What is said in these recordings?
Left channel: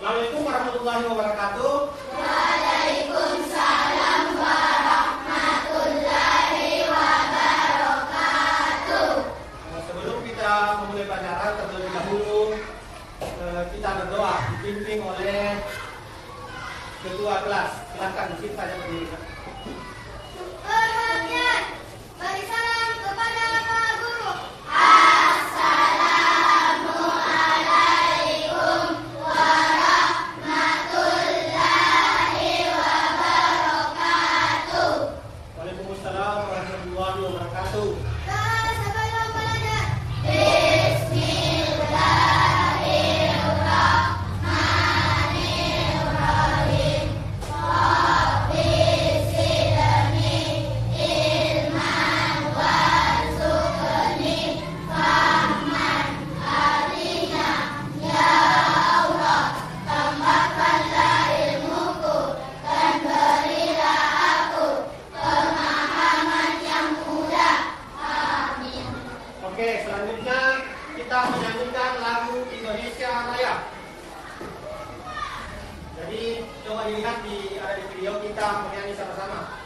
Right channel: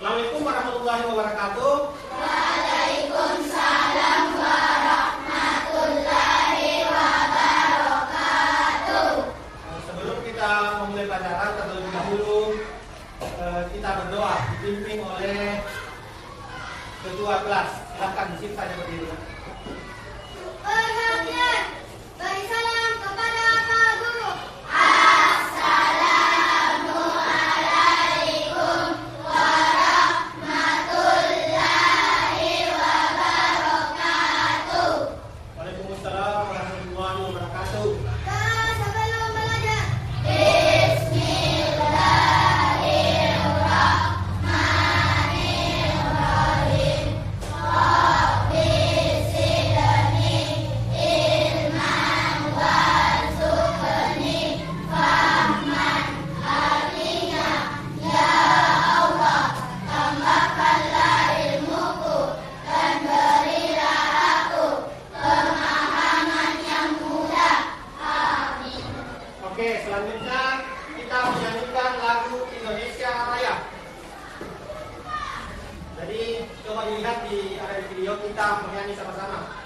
Assalamualaikum warahmatullahi wabarakatuh. Waalaikumsalam warahmatullahi wabarakatuh. Sebelum kita memulai pelajaran, terlebih dahulu kita berdoa dipimpin oleh ketua kelas. Silakan mungkin saja berdiri. Beri salam kepada Pak Guru. Waalaikumsalam warahmatullahi wabarakatuh. Siapa yang mau belajar? Oke, selanjutnya kita menyanyikan lagu Indonesia Raya. Jadi coba dilihat ada di video kita menyanyi sama-sama.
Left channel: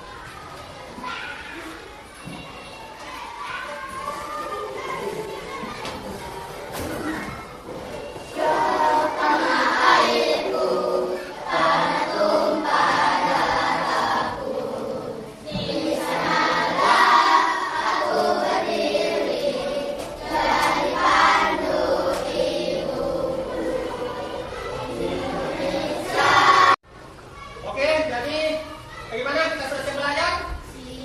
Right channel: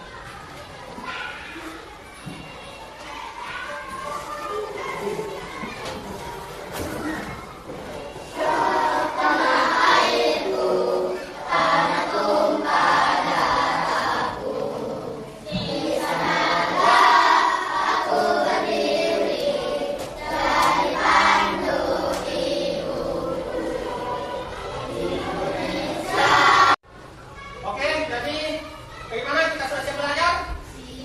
Oke, jadi bagaimana kita selesai belajar?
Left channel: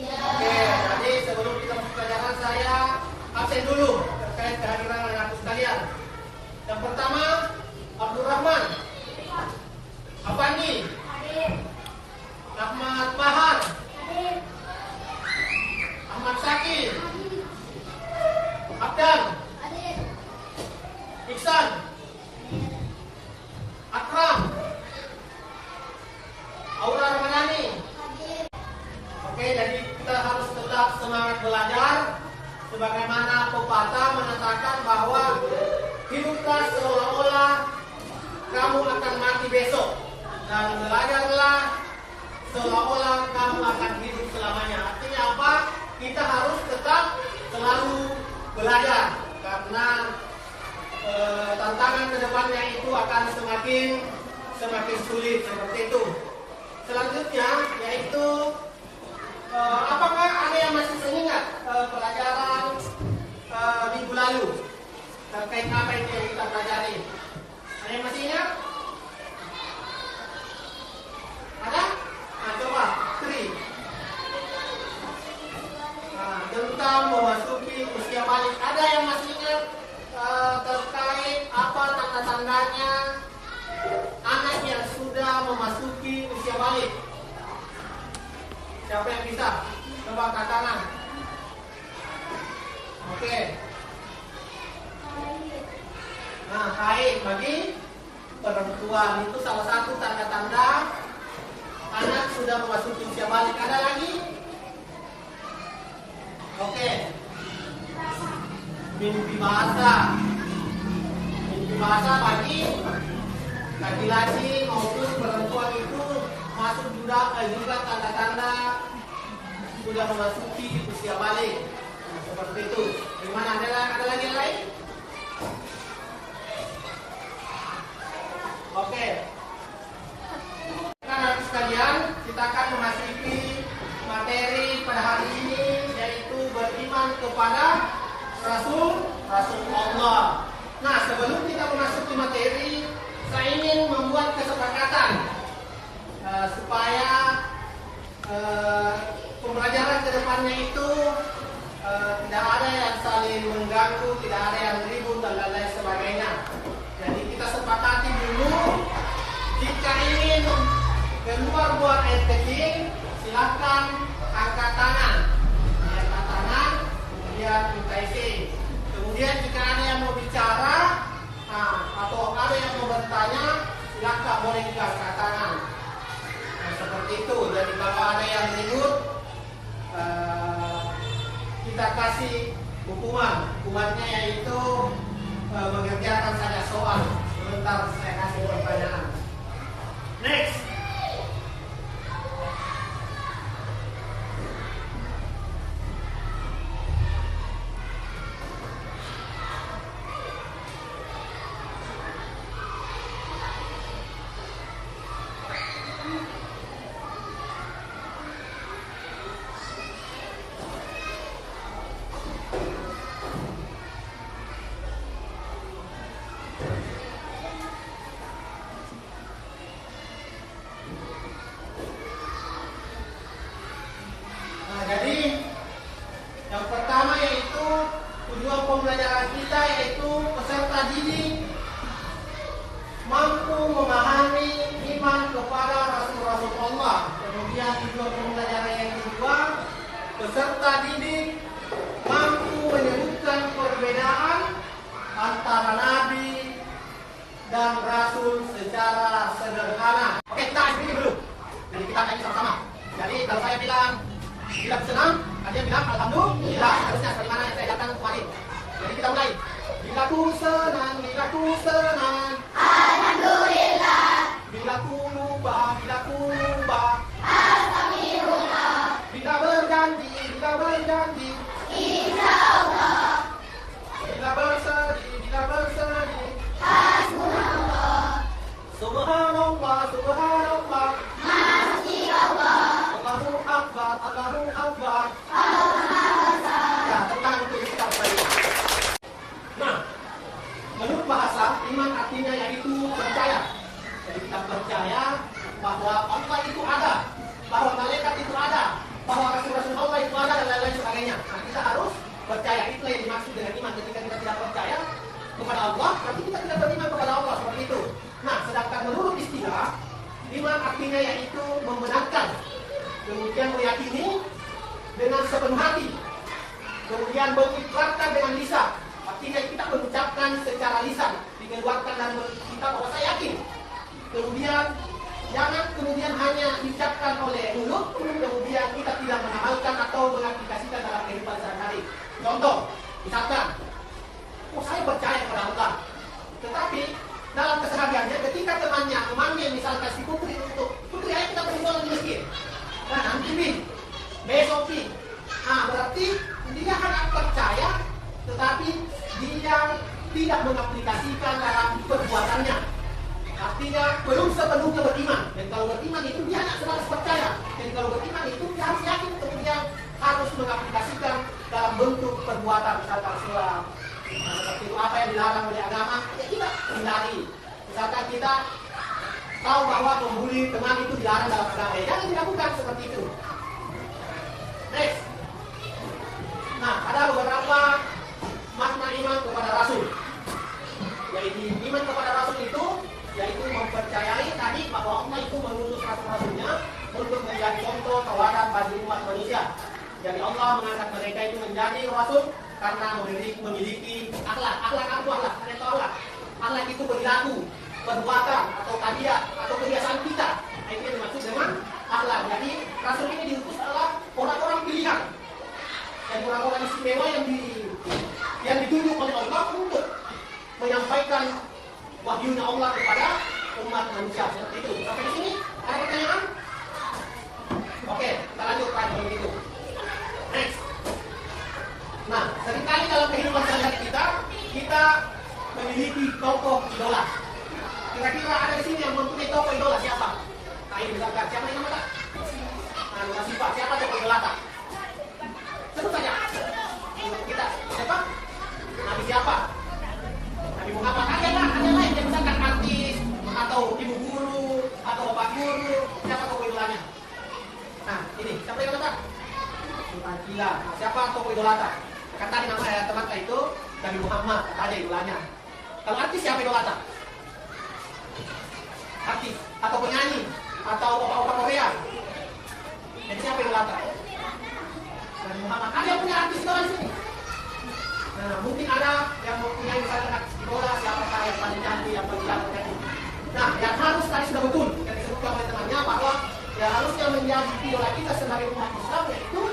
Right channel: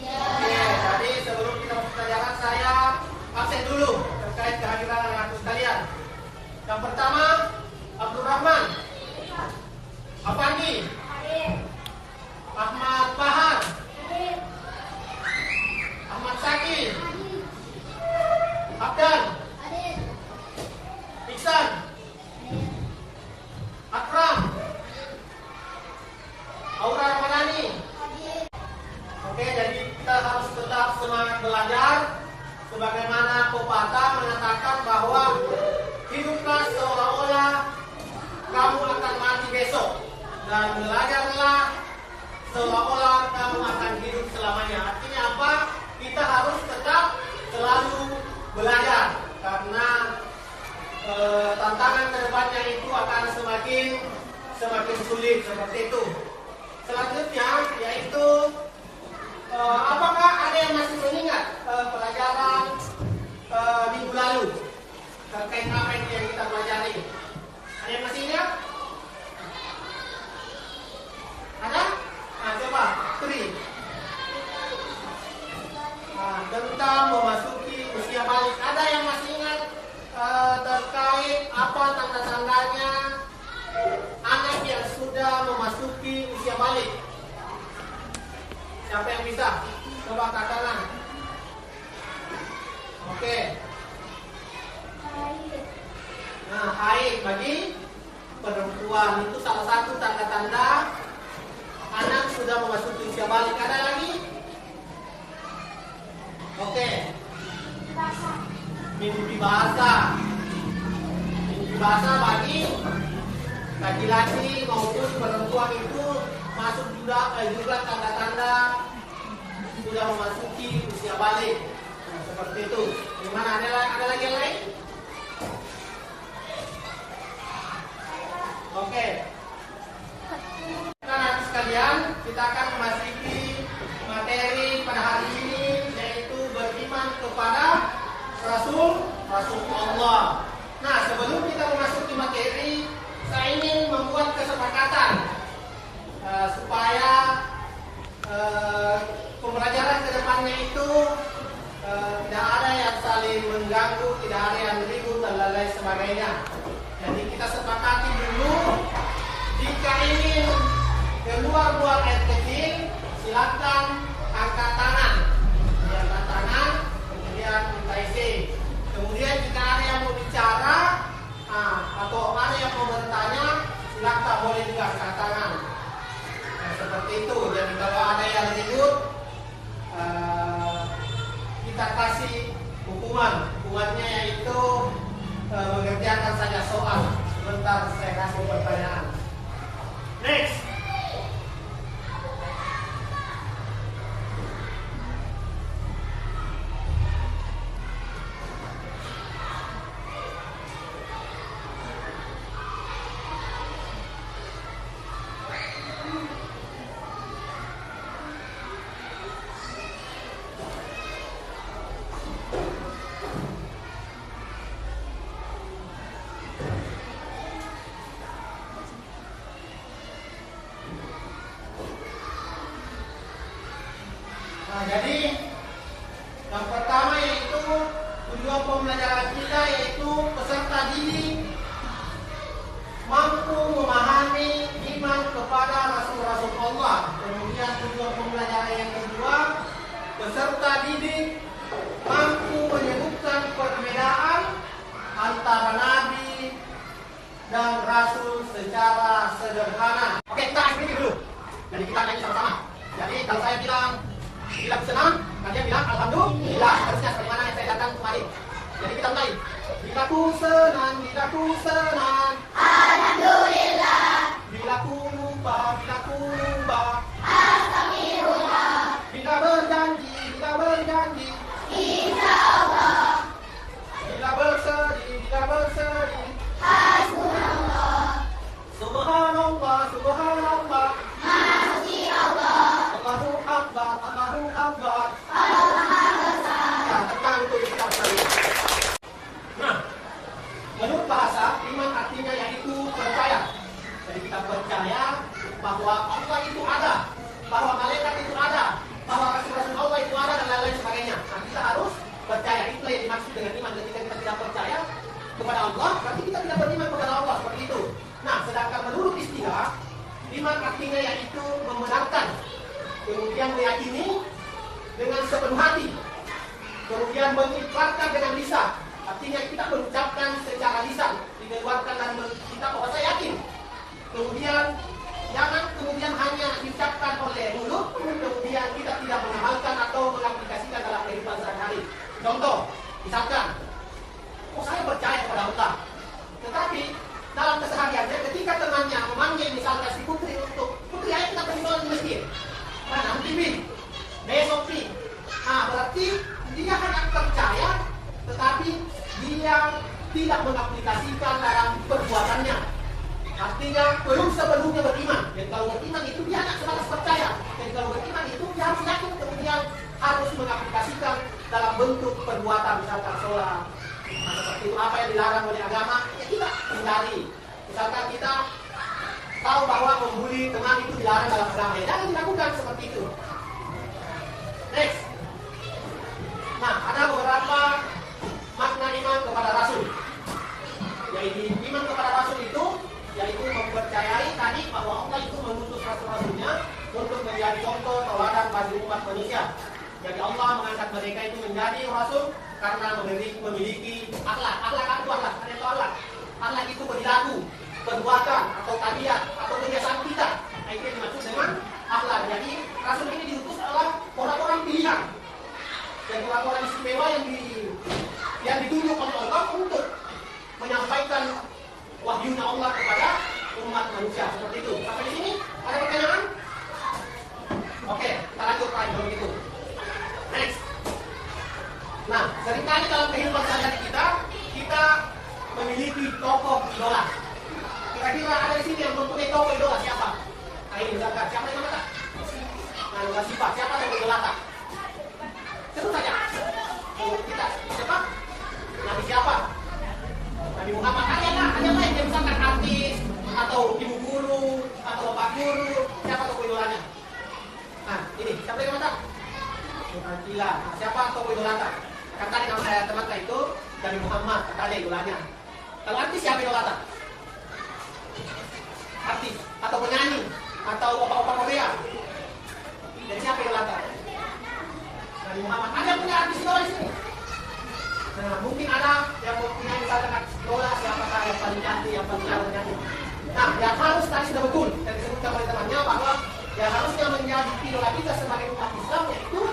Oke, jadi sebelum kita masuk pelajaran saya absen dulu terkait kehadiran anak-anakku sekalian. Yang pertama, Abdul Rahman, Afandi, Ahmad Bahar, Ahmad Syakir, Abdan, Iksan, Akram, Aura Ramadhani. Oke, jadi kita harus tetap semangat belajar. Sebagaimana pepatah mengatakan bahwa hiduplah seolah-olah kamu akan mati besok, dan belajarlah seolah-olah kamu akan hidup selamanya. Artinya apa? Kita harus tetap selalu belajar, karena tantangan kedepannya itu akan semakin sulit seperti itu. Selanjutnya yaitu apakah ada yang masih mengingat pelajaran minggu lalu terkait apa yang kita pelajari? Ada yang masih ingat? Ada? Nah, coba Tri. Nah, tentang memasuki usia balik. Ada yang masih ingat terkait apa tanda-tandanya anak yang sudah memasuki usia balik? Siapa yang bisa? Coba angkat tangan. Oke. Nah, haid bagi perempuan itu salah satu tanda-tanda anak sudah memasuki usia balik. Ada lagi? Oke. Mimpi basah. Mimpi basah bagi laki-laki maupun perempuan itu masuk juga tanda-tanda sudah memasuki usia balik. Nah, seperti itu. Gimana? Ada lagi yang lain? Oke. Nah, nanti sekalian kita akan memasuki materi pada hari ini, yaitu beriman kepada Rasul Allah. Nah, sebelum kita memasuki materi, saya ingin membuat kesepakatan supaya pembelajaran kedepannya itu tidak ada yang saling mengganggu, tidak ada yang ribut dan lain-lain sebagainya. Jadi kita sepakati dulu, jika ingin keluar buat air kecil, silakan angkat tangan. Angkat tangan, kemudian minta isi. Kemudian jika ada yang mau bicara atau ada yang mau bertanya, silakan boleh juga angkat tangan. Nah, seperti itu. Jadi kalau ada yang ribut, kita kasih hukuman. Hukumannya yaitu mengerjakan saja soal. Sebentar saya kasih pertanyaan. peserta didik mampu menyebutkan perbedaan antara Nabi dan Rasul secara sederhana. Oke, kita akhiri dulu. Jadi kita kaji sama-sama. Jadi kalau saya bilang senang, kalian bilang alhamdulillah. Harusnya sebagaimana yang saya datang kemarin. Jadi kita mulai. Bila ku senang, alhamdulillah. Bila ku lupa, astagfirullah. Bila berjanji, insyaallah. Bila bersedih, hasbunallah. Subhanallah, Masya Allah. Allahu Akbar. Allah Maha Besar. Ya, tentang untuk kita sekalian. Nah, menurut bahasa, iman artinya yaitu percaya. Jadi kita percaya bahwa Allah itu ada, bahwa malaikat itu ada, bahwa rasul-rasul Allah itu ada dan lain-lain sebagainya. Nah, kita harus percaya. Itu yang dimaksud dengan iman. Ketika kita tidak percaya kepada Allah, berarti kita tidak beriman kepada Allah, seperti itu. Nah, sedangkan menurut istilah, iman artinya yaitu membenarkan, kemudian meyakini dengan sepenuh hati, kemudian mengikrarkan dengan lisan. Artinya kita mengucapkan secara lisan, mengeluarkan dan kita bahwa saya yakin. Kemudian jangan hanya diucapkan oleh mulut, kemudian kita tidak mengamalkan atau mengaplikasikan dalam kehidupan sehari-hari. Contoh, misalkan, saya percaya kepada Allah, tetapi dalam kesehariannya ketika temannya memanggil misalkan si Putri untuk Putri ayo kita pergi di masjid. Nah, nanti besok berarti dia hanya percaya, tetapi dia tidak mengaplikasikan dalam perbuatannya. Artinya belum sepenuhnya beriman. Dan kalau beriman itu dia hanya sebatas percaya. Dan kalau beriman itu dia harus yakin, kemudian harus mengaplikasikan dalam bentuk perbuatan, misalkan sholat. Seperti itu apa yang dilarang oleh agama, ya kita hindari. Misalkan kita tahu bahwa membuli teman itu dilarang dalam agama, jangan dilakukan seperti itu. Next. Nah, ada beberapa makna iman kepada Rasul. Yaitu iman kepada Rasul itu yaitu mempercayai tadi bahwa Allah itu mengutus Rasul-Rasulnya untuk menjadi contoh teladan bagi umat manusia. Jadi Allah mengangkat mereka itu menjadi Rasul karena memiliki akhlak. Akhlak itu perilaku, perbuatan atau tabiat atau kebiasaan kita. Nah, itu yang dimaksud dengan akhlak. Jadi Rasul ini diutus adalah orang-orang pilihan. Dan orang-orang istimewa yang ditunjuk oleh Allah untuk menyampaikan wahyunya Allah kepada umat manusia. Seperti itu. Sampai di sini ada pertanyaan? Oke, kita lanjut lagi begitu. Next. Nah, seringkali dalam kehidupan sehari-hari kita memiliki tokoh idola. Kira-kira ada di sini yang mempunyai tokoh idola siapa? Nah, ini misalkan siapa yang mana? Yang nggak sifat, siapa tokoh idola? Sebut saja. Kita siapa? Nabi siapa? Nabi Muhammad. Ada lain yang misalkan artis atau ibu guru atau bapak guru, siapa tokoh idolanya? Nah, ini siapa yang mana? Nah, siapa tokoh idolata? Kan tadi nama teman saya itu Nabi Muhammad, kata ada idolanya. Kalau artis siapa idolata? Artis atau penyanyi atau opa-opa Korea. Jadi siapa idolata? Nabi Muhammad. Ada yang punya artis idola di sini? Nah, mungkin ada yang mempunyai misalnya artis idola siapakah yang paling cantik, yang paling jauh dari. Nah, dan harus tadi sudah betul yang disebutkan oleh temannya bahwa yang harusnya menjadi idola kita sebagai umat Islam yaitu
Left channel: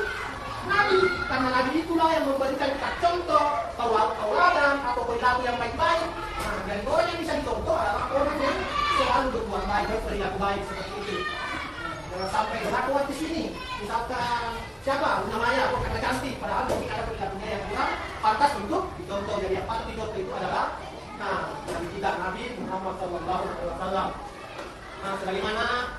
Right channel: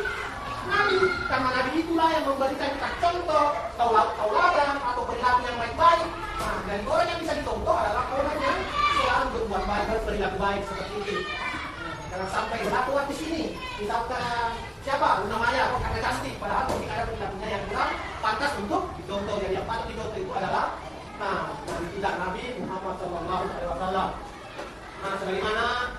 Nabi, karena Nabi itulah yang memberikan kita contoh, tauladan atau perilaku yang baik-baik. Nah, dan orang yang bisa dicontoh adalah orang yang selalu berbuat baik, berperilaku baik seperti itu. Jangan sampai berlaku di sini. Misalkan siapa namanya, karena cantik, padahal mungkin ada perilakunya yang kurang pantas untuk dicontoh. Jadi yang patut dicontoh itu adalah Nabi kita Nabi Muhammad SAW. Nah, sebagaimana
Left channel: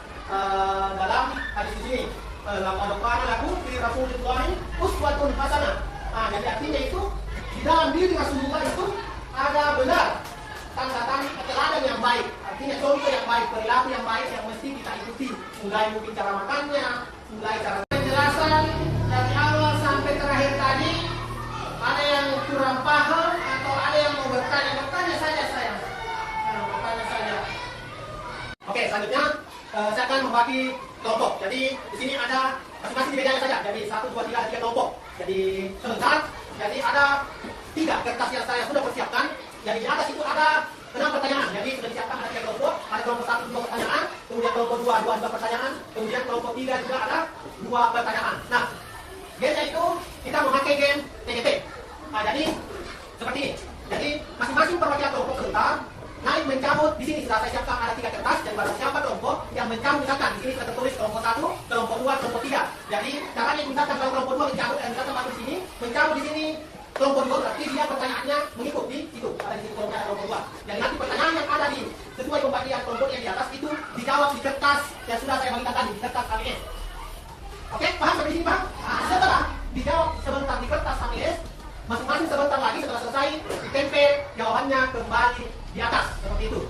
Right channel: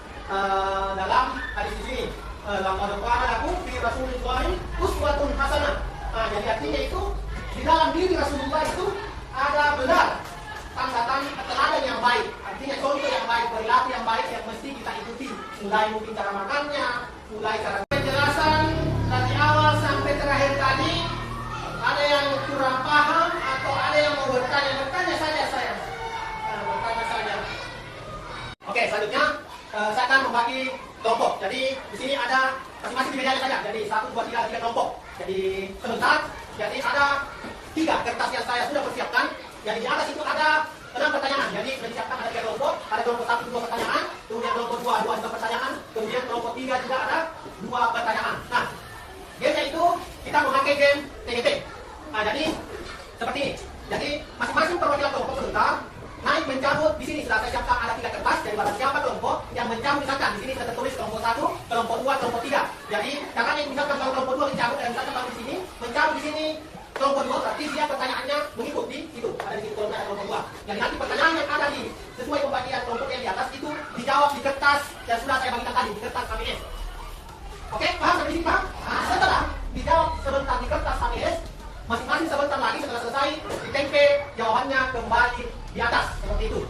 dalam hadis ini. Laqad kana lakum fi Rasulillahi uswatun hasanah. Nah, jadi artinya itu di dalam diri Rasulullah itu ada benar tanda-tanda teladan yang baik. Artinya contoh yang baik, perilaku yang baik yang mesti kita ikuti. Mulai mungkin cara makannya, mulai cara penjelasan dari awal sampai terakhir tadi. Ada yang kurang paham atau ada yang mau bertanya saja saya. Nah, bertanya saja. Oke, selanjutnya saya akan membagi kelompok. Jadi di sini ada masing-masing di mejanya saja. Jadi 1, 2, 3, 3 kelompok. Jadi sebentar. Jadi ada 3 kertas yang saya sudah persiapkan. Jadi di atas itu ada 6 pertanyaan. Jadi sudah disiapkan ada 3 kelompok. Ada kelompok 1 2 pertanyaan. Kemudian kelompok 2 2 pertanyaan. Kemudian kelompok 3 juga ada 2 pertanyaan. Nah, gamenya itu kita memakai game TGP. Nah, jadi seperti ini. Jadi masing-masing perwakilan kelompok sebentar naik mencabut di sini sudah saya siapkan ada 3 kertas dan barang siapa kelompok yang mencabut misalkan di sini sudah tertulis kelompok 1, kelompok 2, kelompok 3. Jadi caranya misalkan kalau kelompok 2 mencabut dan misalkan di sini mencabut di sini kelompok 2 berarti dia pertanyaannya mengikuti itu ada di situ kelompok 2. Dan nanti pertanyaan yang ada di sesuai pembagian kelompok yang di atas itu dijawab di kertas yang sudah saya bagikan tadi di kertas KWS. Oke, paham sampai sini paham? Nah, setelah dijawab sebentar di kertas KWS, masing-masing sebentar lagi setelah selesai ditempel jawabannya kembali di atas seperti itu.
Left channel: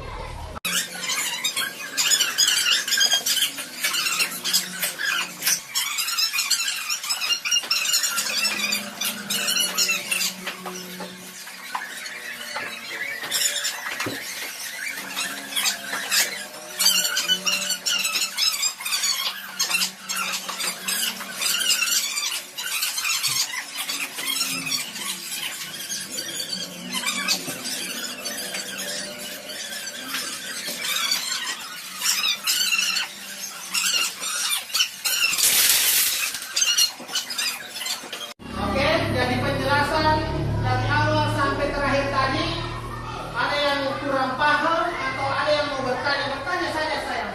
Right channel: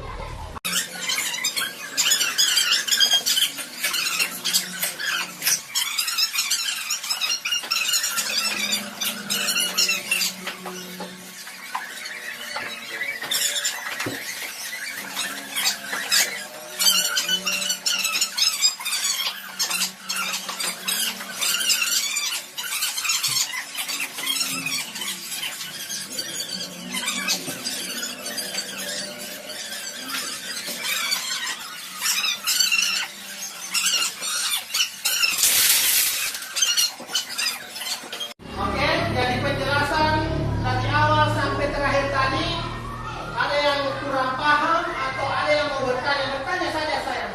Kurang paham atau ada yang mau bertanya saja saya.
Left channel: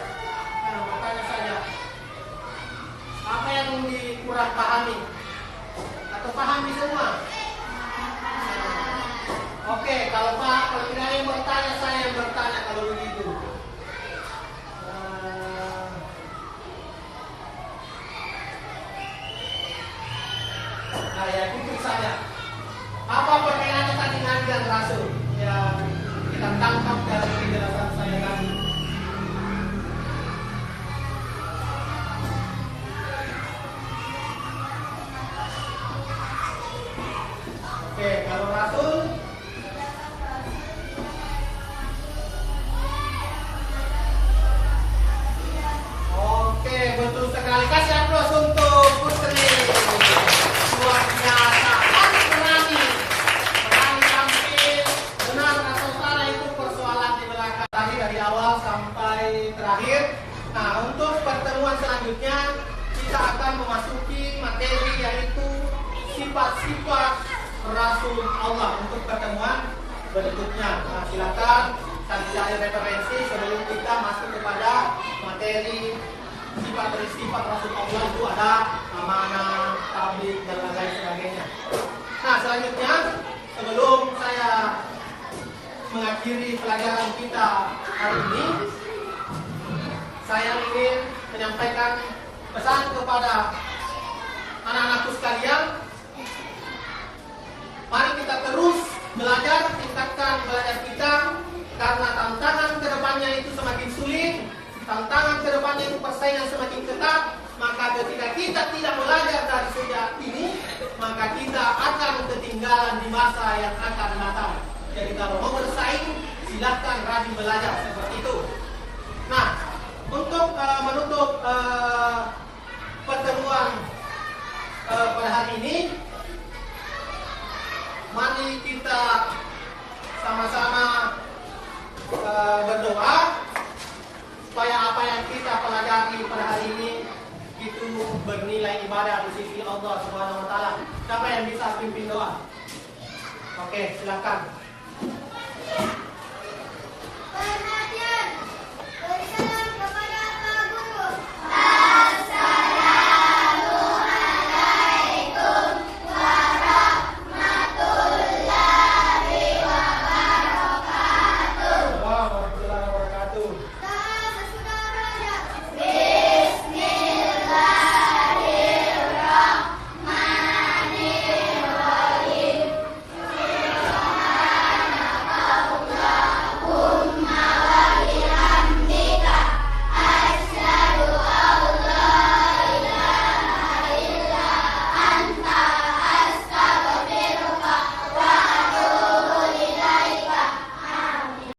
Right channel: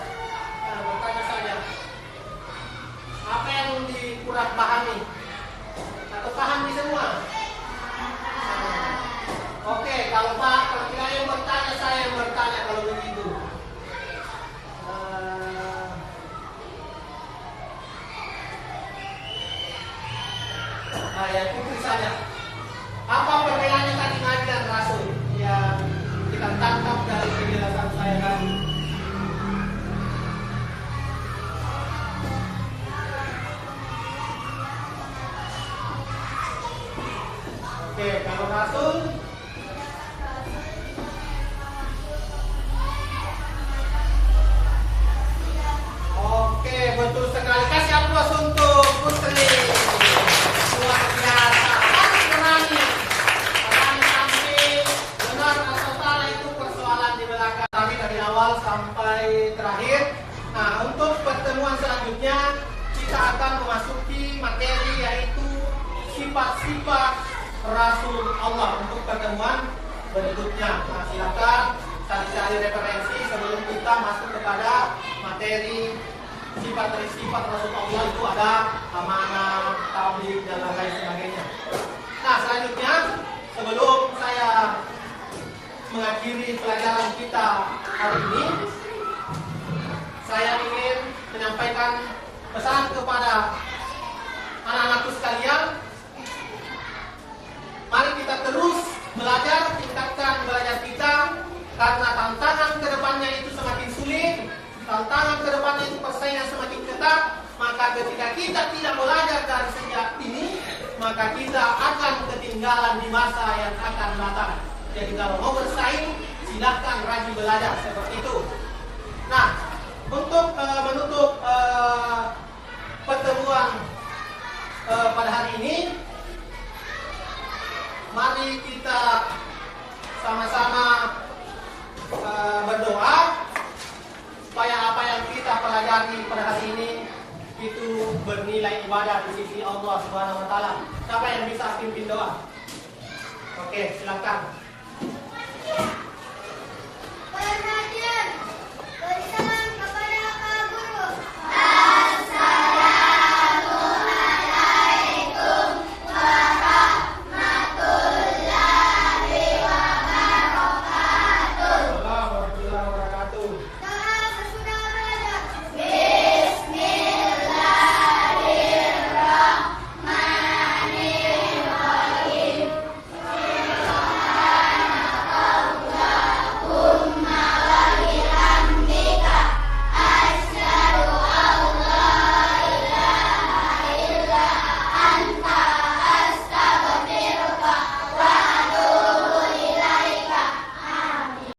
Bertanya saja. Apa yang dikurang pahami? Atau pahami semua? Oke, kalau tidak ada yang bertanya, saya yang bertanya kalau begitu. Ya ikuti saja. Apa perbedaannya tadi Nabi dan Rasul? Ya, kita tangkap dari penjelasan saya tadi. Oke, kalau Rasul oke, betul sekali. Kasih aplaus untuk Putri. Luar biasa. Harus berani. Berani sampai benar atau salah itu persoalan di belakang. Tadi dari awal sampai terakhir. Nah, untuk pertemuan selanjutnya kita akan memasuki materi yaitu sifat-sifat Rasul Allah untuk pertemuan berikutnya. Nah, silakan cari referensi sebelum kita masuk kepada materi sifat Rasul Allah itu ada amanah, tabligh dan lain sebagainya. Nah, selanjutnya sebelum saya mengakhiri pelajaran kita hari ini, saya ingin menyampaikan pesan kepada anak-anakku sekalian. Mari kita terus belajar, tingkatkan belajar kita, karena tantangan kedepannya itu semakin sulit, tantangan kedepannya itu persaingan semakin ketat. Maka ketika kita tidak belajar dari sejak ini, maka kita akan ketinggalan di masa yang akan datang. Jadi kalau mau bersaing, silahkan rajin belajar seperti itu. Nah, untuk menutup pertemuan pada hari ini, mari kita sama-sama berdoa supaya apa yang kita pelajari pada hari ini itu bernilai ibadah di sisi Allah Subhanahu wa taala. Siapa yang bisa pimpin doa? Oke, silakan.